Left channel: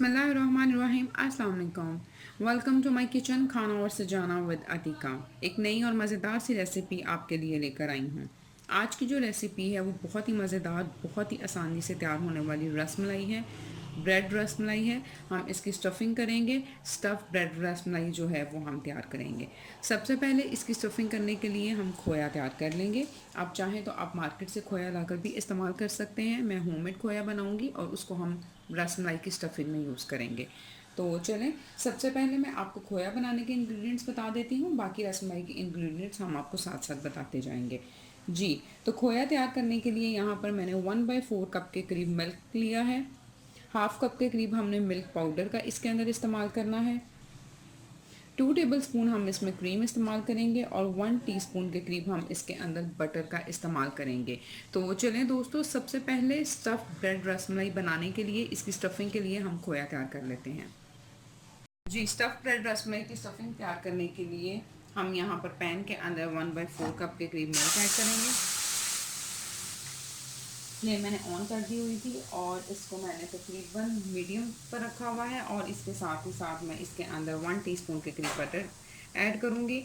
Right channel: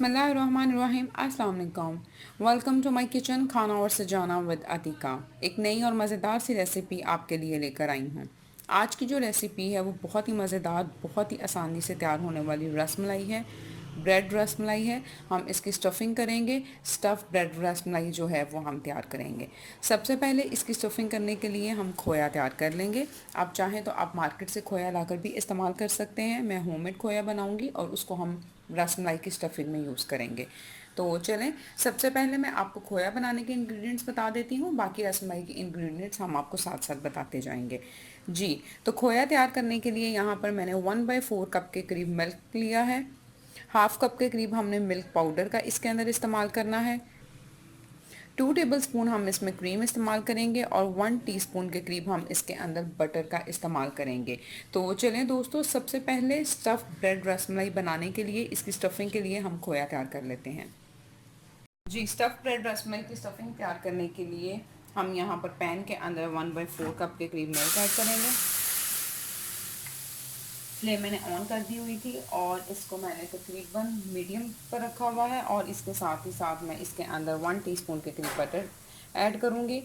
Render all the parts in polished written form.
बिस्मिल्लाहिर्रहमानिर्रहीम। अस्सलाम वालेकुम। वेलकम टू माय किचन खाना और सजाना विद अतीका। एक नई और मज़ेदार सी रेसिपी आपके लिए लेकर आई हूँ। आज की जो रेसिपी है वो बहुत ही मज़ेदार, बहुत ही आसानी से तैयार होने वाली रसमलाई है। ब्रेड रसमलाई है। हम इसकी स्टफ़िंग करेंगे। स्टफ़ ब्रेड रसमलाई जो है वो हम तैयार करेंगे। सबसे पहले इसकी स्टफ़िंग करने के लिए हम खोया तैयार कर लेंगे। आप चाहें तो आप मार्केट से खोया लाकर भी इस्तेमाल कर सकते हैं। मैं होममेड खोया बनाऊंगी और उसको हम रसमलाई की स्टफ़िंग में यूज़ करेंगे। तो चलें, सबसे पहले मैं आपको खोया बनाने के इंग्रेडिएंट्स बता देती हूँ, बाकी रसमलाई के इंग्रेडिएंट्स हम आपको साथ साथ बताते जाएंगे। जी, तो खोया तैयार करने के लिए यहाँ पर मैंने 1/4 कप के करीब मिल्क लिया है। हाफ कप के करीब हमने मिल्क पाउडर का इसके अंदर इस्तेमाल करना है। 2 टेबलस्पून हम इसमें क्रीम इस्तेमाल करेंगे और 1 टीस्पून के करीब हम इसके अंदर बटर का इस्तेमाल करेंगे। तो चलें दोस्तों, सबसे पहले स्टफ़ ब्रेड रसमलाई बनाने के लिए, इसकी स्टफ़िंग के लिए हम खोया तैयार कर लेते हैं। जी, स्टफ़ ब्रेड रसमलाई की स्टफ़िंग तैयार करने के लिए हम यहाँ पर पैन के अंदर 1/4 कप के करीब मिल्क ऐड करेंगे। फ्लेम मैंने ऑन कर दी हुई थी और इसको मैंने तकरीबन मीडियम पर रखा हुआ है और इसके साथ ही साथ मैं इसके अंदर 1 टीस्पून के करीब बटर ऐड करूँगी।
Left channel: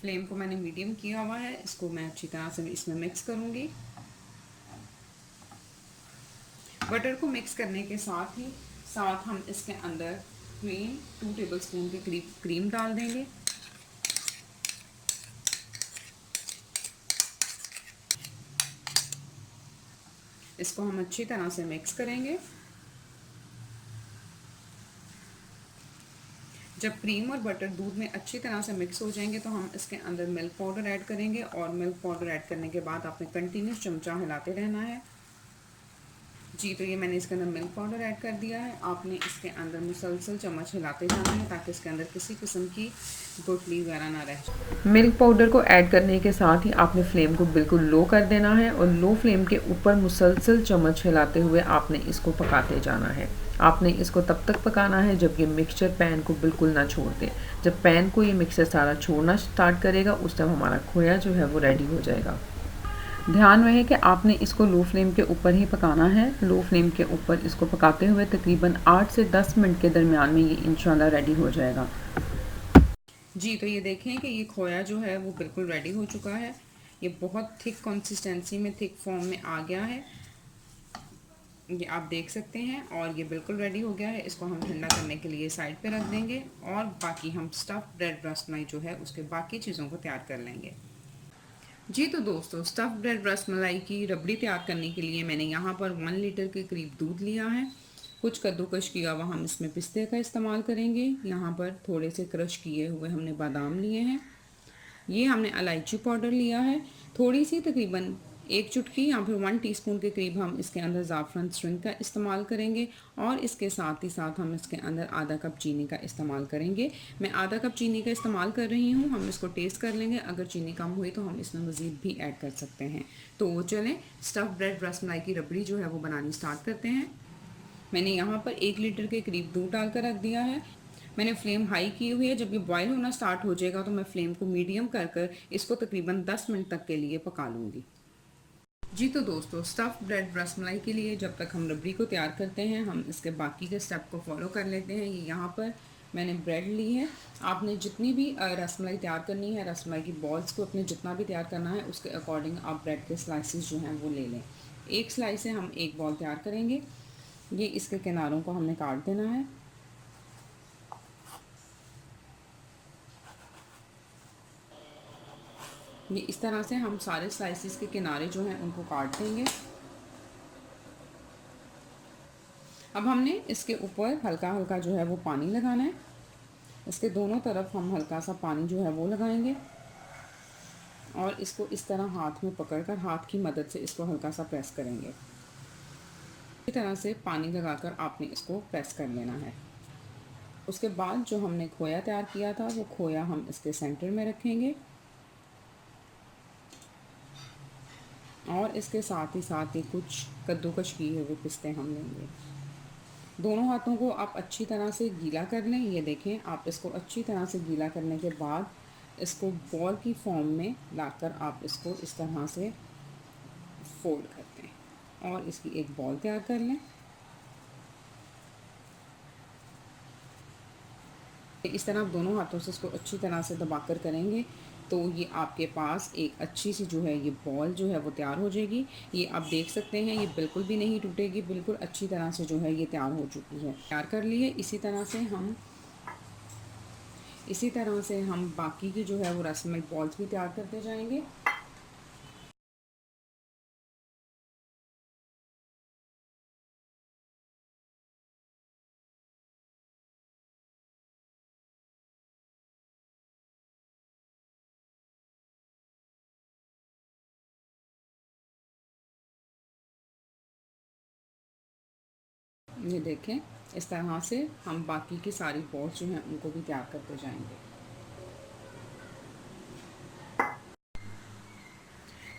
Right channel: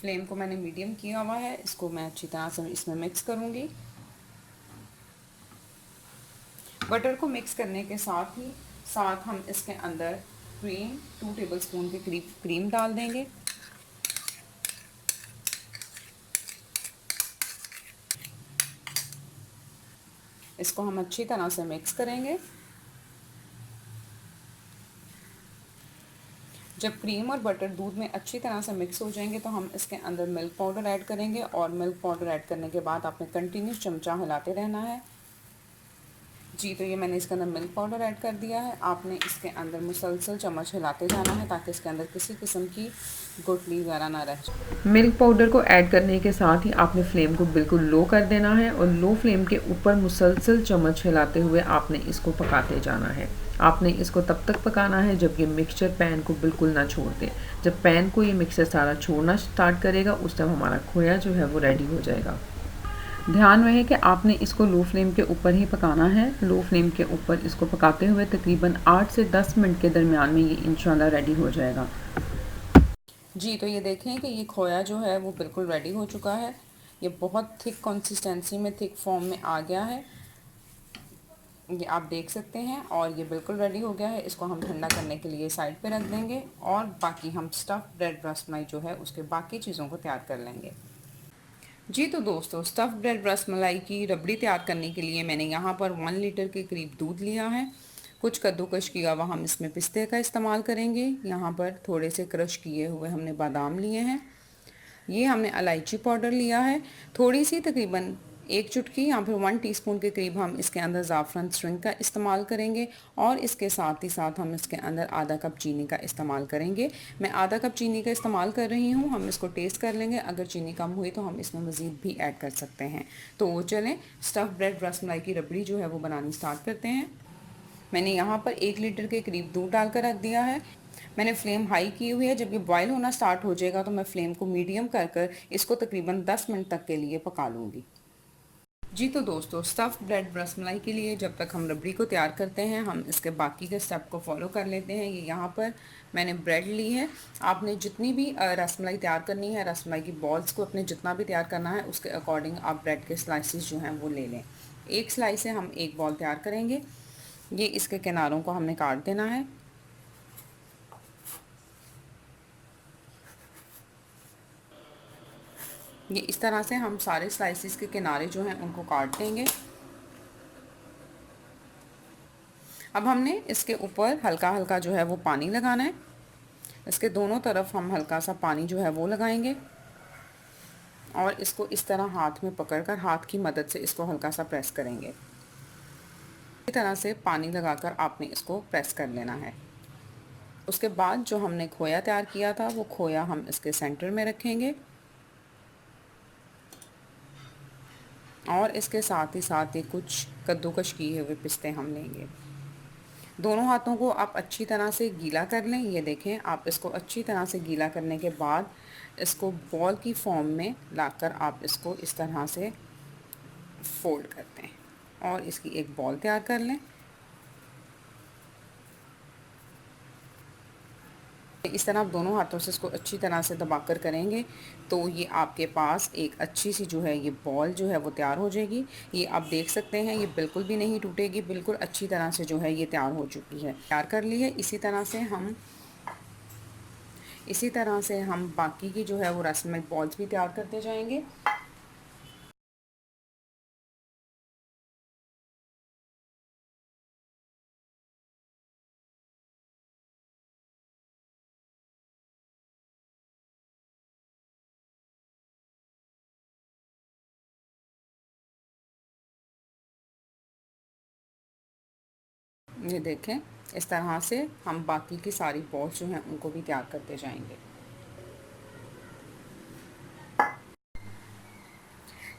फ्लेम को मैंने मीडियम किया हुआ है। इसको मैं अच्छी तरह से इसमें मिक्स करूँगी। बटर को मिक्स करने के साथ हम इसके अंदर क्रीम 2 टेबलस्पून के करीब क्रीम डाल देंगे। इसको हम अच्छी तरह से मिक्स करेंगे। जब क्रीम और बटर दूध में अच्छी तरह से मिक्स हो जाएंगे तो हम इसके अंदर मिल्क पाउडर ऐड करेंगे और मिल्क पाउडर ऐड करने के बाद आपने कंटिन्यूस चमचा हिलाते रहना है। जी, तो ये मैंने इसके अंदर मिल्क पाउडर ऐड कर दिया है। आपने इसके अंदर मुसलसल चम्मच हिलाते जाना है ताकि इसके अंदर किसी किस्म की गुठली वगैरह ना रह जाए। मिल्क पाउडर को ऐड करने के साथ ही आपने फ्लेम को बिल्कुल लो कर देना है और लो फ्लेम के ऊपर मुसलसल चम्मच हिलाते हुए आपने इसको पकाते जाना है। आपने इसको तब तक पकाना है जब ये मिक्सचर पैन को बिल्कुल ना छोड़ दे। जब पैन को ये मिक्सचर सारा छोड़ना स्टार्ट करेगा उस टाइम हमारा खोया जो है वो रेडी हो जाएगा। ध्यान रहे कि आपने इसको लो फ्लेम के ऊपर ही पकाना है। लो फ्लेम के ऊपर इसको पकाते हुए तकरीबन 8 से 10 मिनट के दरमियान में ये इंशाल्लाह रेडी हो जाएगा। जी, तो ये देखें कि ये खोया जो है वो बिल्कुल रेडी हो चुका है। ये बहुत थिक कंसिस्टेंसी में, थिक फॉर्म में आ गया है, ये आप देख सकते हैं। और ये बिल्कुल रेडी हो गया है। इसको हम ठंडा करने के लिए साइड पे रख देंगे और बाकी हम स्टफ़ ब्रेड रसमलाई जो है उसके बाकी चीज़ों को तैयार कर लेंगे। जी, तो दोस्तों, स्टफ़ ब्रेड रसमलाई की रबड़ी तैयार करने के लिए मैंने यहाँ पर 1 लीटर के करीब दूध लिया है। कुछ कद्दूकश किया हुआ हम इसमें पिस्ते का इस्तेमाल करेंगे। यहाँ पर थोड़े से क्रश किए हुए हमने बादाम लिए हैं। ये हमने इलायची पाउडर लिया है। थोड़ी सी तकरीबन 1 चुटकी या फिर 1 टीस्पून के करीब हम इसके अंदर ज़ाफ़रान स्ट्रिंग का इस्तेमाल करेंगे और इसके साथ ही साथ हम इसके अंदर आधा कप चीनी का इस्तेमाल करेंगे। मैं आधा कप चीनी का इस्तेमाल कर रही हूँ। हम इसको टेस्ट कर लेंगे, अगर चीनी कम हुई तो हम इसमें मज़ीद भी ऐड कर सकते हैं। तो चलें, स्टफ़ ब्रेड रसमलाई की रबड़ी जो है वो बनानी स्टार्ट करते हैं। मैंने यहाँ पर 1 लीटर के करीब दूध डालकर रख दिया है। मैंने फ्लेम हाई की हुई है। जब ये बॉयल होना स्टार्ट हो जाएगा तो मैं फ्लेम को मीडियम कर इसको तकरीबन 10 मिनट तक के लिए पका लूँगी। जी, तो दोस्तों, स्टफ़ ब्रेड रसमलाई के लिए जब तक हम रबड़ी को तैयार करते हैं हम इसके बाकी के स्टेप को फॉलो कर लेते हैं। ये यहाँ पर मैंने ब्रेड ली है। आपने जितनी भी रसमलाई तैयार करनी है, रसमलाई की बॉल्स को अपने जितना भी तैयार करना है उसके अकॉर्डिंग आप ब्रेड के स्लाइसेस जो हैं वो ले लें। एक स्लाइस से हम एक बॉल तैयार करेंगे। ये इसके किनारों को हमने काट देना है। ये इस तरह से हम सारे स्लाइसेस के किनारे जो हैं उनको काट देंगे। अब हमने इसके ऊपर हल्का हल्का जो है वो पानी लगाना है। इसके दोनों तरफ हम हल्का सा पानी जो है वो लगाएंगे और इसको इस तरह हाथ में पकड़कर हाथ की मदद से इसको हल्का सा प्रेस करेंगे। इस तरह से पानी लगाकर आपने इसको प्रेस कर लेना है। उसके बाद जो हमने खोया तैयार किया था वो खोया हम इसके सेंटर में रखेंगे और इसके साथ ही साथ ही कुछ कद्दूकश किए हुए पिस्ते हम लेंगे। दोनों हाथों को आप अच्छी तरह से गीला कर लें। ये देखें, आप इसको अच्छी तरह से गीला करने के बाद इसको बॉल की फॉर्म में लाकर आप इसको इस तरह से फोल्ड करते हैं। और इसकी एक बॉल तैयार कर लें। इस तरह आप दोनों हाथों से इसको अच्छी तरह से दबाकर करेंगे तो ये आपके पास एक अच्छी सी जो है ये बॉल जो है वो तैयार हो जाएगी। ये आप देख सकते हैं ये बिल्कुल भी नहीं टूटेगी, बिल्कुल अच्छी तरह से जो है ये तैयार हो चुकी है, तैयार कर ली है। इसी तरह से हम बाकी की जो है वो रसमलाई बॉल्स भी तैयार करते जाएंगे। ये देखें इस तरह से हम बाकी की सारी बॉल्स जो हैं उनको भी तैयार करते जाएंगे।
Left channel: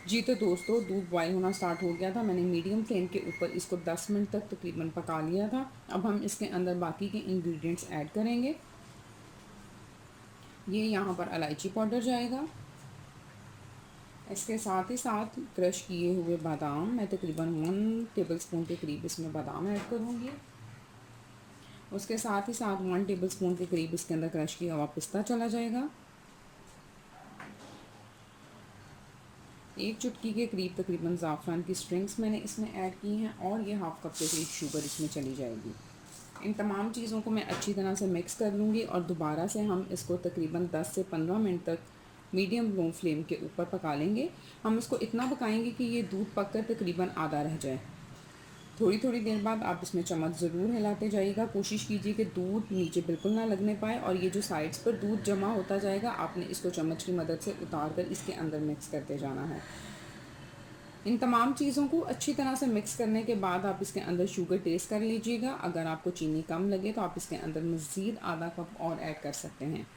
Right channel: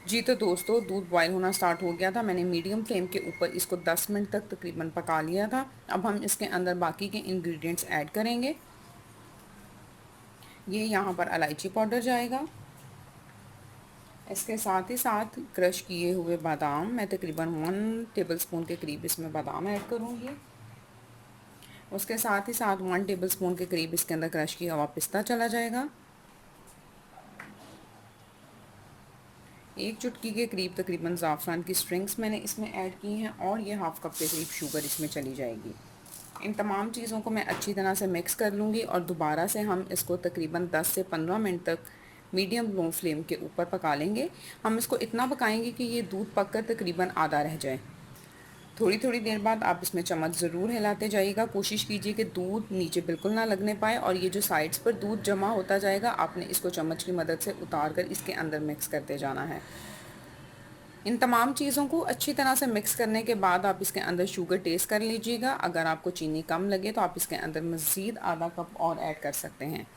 जी तो दोस्तों दूध बॉयल होना स्टार्ट हो गया था। मैंने मीडियम फ्लेम के ऊपर इसको 10 मिनट तक तकरीबन पका लिया था। अब हम इसके अंदर बाकी के इंग्रेडिएंट्स ऐड करेंगे। ये यहाँ पर इलायची पाउडर जाएगा, इसके साथ ही साथ क्रश किए हुए बादाम, मैं तकरीबन 1 टेबलस्पून के करीब इसमें बादाम ऐड करूँगी। उसके साथ ही साथ 1 टेबलस्पून के करीब इसके अंदर क्रश किया हुआ पिस्ता चला जाएगा। एक चुटकी के करीब तकरीबन ज़ाफ़रान की स्ट्रिंग्स मैंने इसमें ऐड की हैं और ये हाफ़ कप के करीब शुगर इसमें चली जाएगी। इन तमाम चीज़ों को मैं अच्छी तरह से मिक्स कर लूँगी और दोबारा से हम इसको तकरीबन 10 से 15 मिनट तक मीडियम लो फ्लेम के ऊपर पका लेंगे। हम इसको इतना पकाएंगे कि ये दूध पककर तकरीबन आधा रह जाए। थोड़ी थोड़ी देर बाद आप इसमें चम्मच ज़रूर हिलाते जाइएगा। कोशिश कीजिए कि दूध नीचे बिल्कुल ना लगने पाए और ये जो साइड्स पर दूध जमा होता जाएगा आपने इसको चम्मच की मदद से उतार कर इसके अंदर मिक्स करते जाना है। इन तमाम चीज़ों को अच्छी तरह से मिक्स करने के बाद आप इसके अंदर शुगर टेस्ट कर लीजिएगा। अगर आपको चीनी कम लगे तो आप इसके अंदर मज़ीद आधा कप और ऐड कर सकते हैं।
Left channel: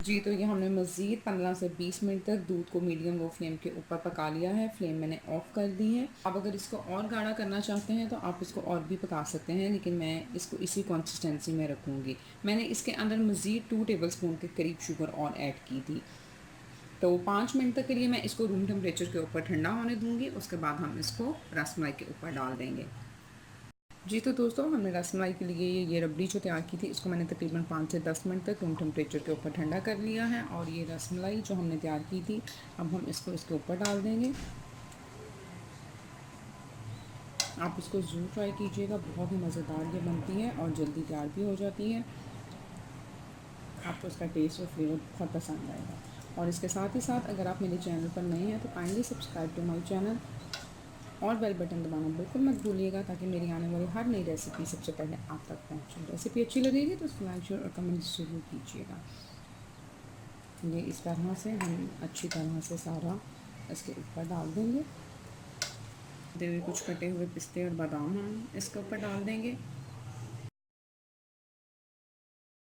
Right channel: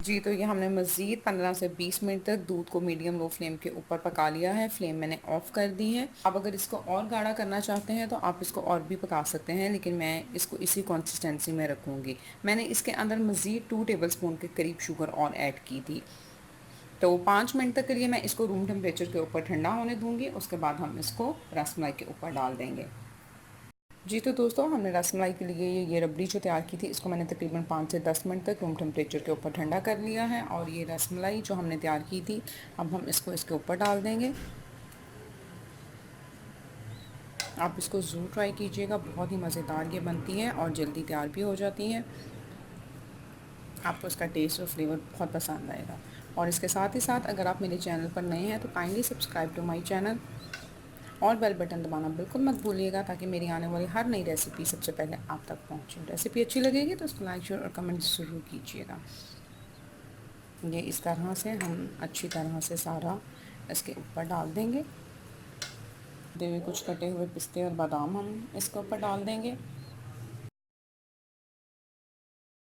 जी तो ये हमने मज़ीद 15 से 20 मिनट तक दूध को मीडियम लो फ्लेम के ऊपर पका लिया है। फ्लेम मैंने ऑफ़ कर दी है। आप अगर इसको और गाढ़ा करना चाहते हैं तो आप इसको और भी पका सकते हैं, लेकिन मैं इसको इसी कंसिस्टेंसी में रखूँगी। मैंने इसके अंदर मज़ीद 2 टेबलस्पून के करीब शुगर और ऐड की थी। तो 5 मिनट तक के लिए मैं इसको रूम टेम्परेचर के ऊपर ठंडा होने दूँगी। उसके बाद हम इसको रसमलाई के ऊपर डाल देंगे। जी तो दोस्तों हमने रसमलाई के लिए ये रबड़ी जो तैयार की थी इसको मैंने तकरीबन 5 से 10 मिनट तक रूम टेम्परेचर के ऊपर ठंडा कर लिया है और ये रसमलाई जो हमने तैयार की थी अब हम इसको इसके ऊपर डाल देंगे। आप इसको ज़रूर ट्राई कीजिएगा, बहुत ही मज़ेदार ये बनती है और जल्दी तैयार भी हो जाती है। आपको इसका टेस्ट और फ्लेवर बहुत पसंद आएगा। और इसके साथ ही साथ अगर आप मेरे चैनल पर नए हैं तो kindly subscribe to my channel और बेल बटन दबाना बिल्कुल मत भूलिएगा ताकि मेरी आने वाली हर नई रेसिपी सबसे पहले आप तक पहुंचे। रेसिपी अच्छी लगेगी तो उसको लाइक शेयर और कमेंट ज़रूर कीजिएगा। ये इस तरह से हम अच्छी तरह से सारा इसके ऊपर डाल देंगे। दे हुए कुछ कटे हुए पिस्ते और बादाम हम इसके ऊपर डाल देंगे।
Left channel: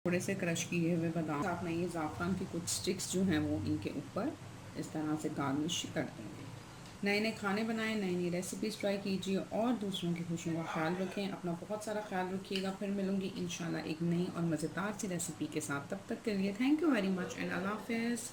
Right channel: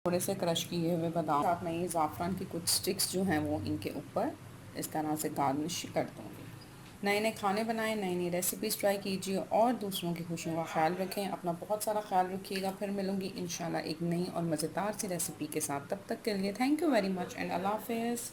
थोड़े से क्रश किए हुए बादाम साथ में ये ज़ाफ़रान की कुछ स्टिक्स जो हैं वो इनके ऊपर इस तरह से गार्निश कर दूँगी। नए नए खाने बनाएं, नई नई रेसिपीज़ ट्राई कीजिए और दूसरों की खुशियों का ख्याल रखें। अपना बहुत सारा ख्याल रखिएगा। फिर मिलूँगी इंशाल्लाह एक नई और मज़ेदार सी रेसिपी के साथ। तब तक के लिए thank you very much and अल्लाह हाफ़िज़।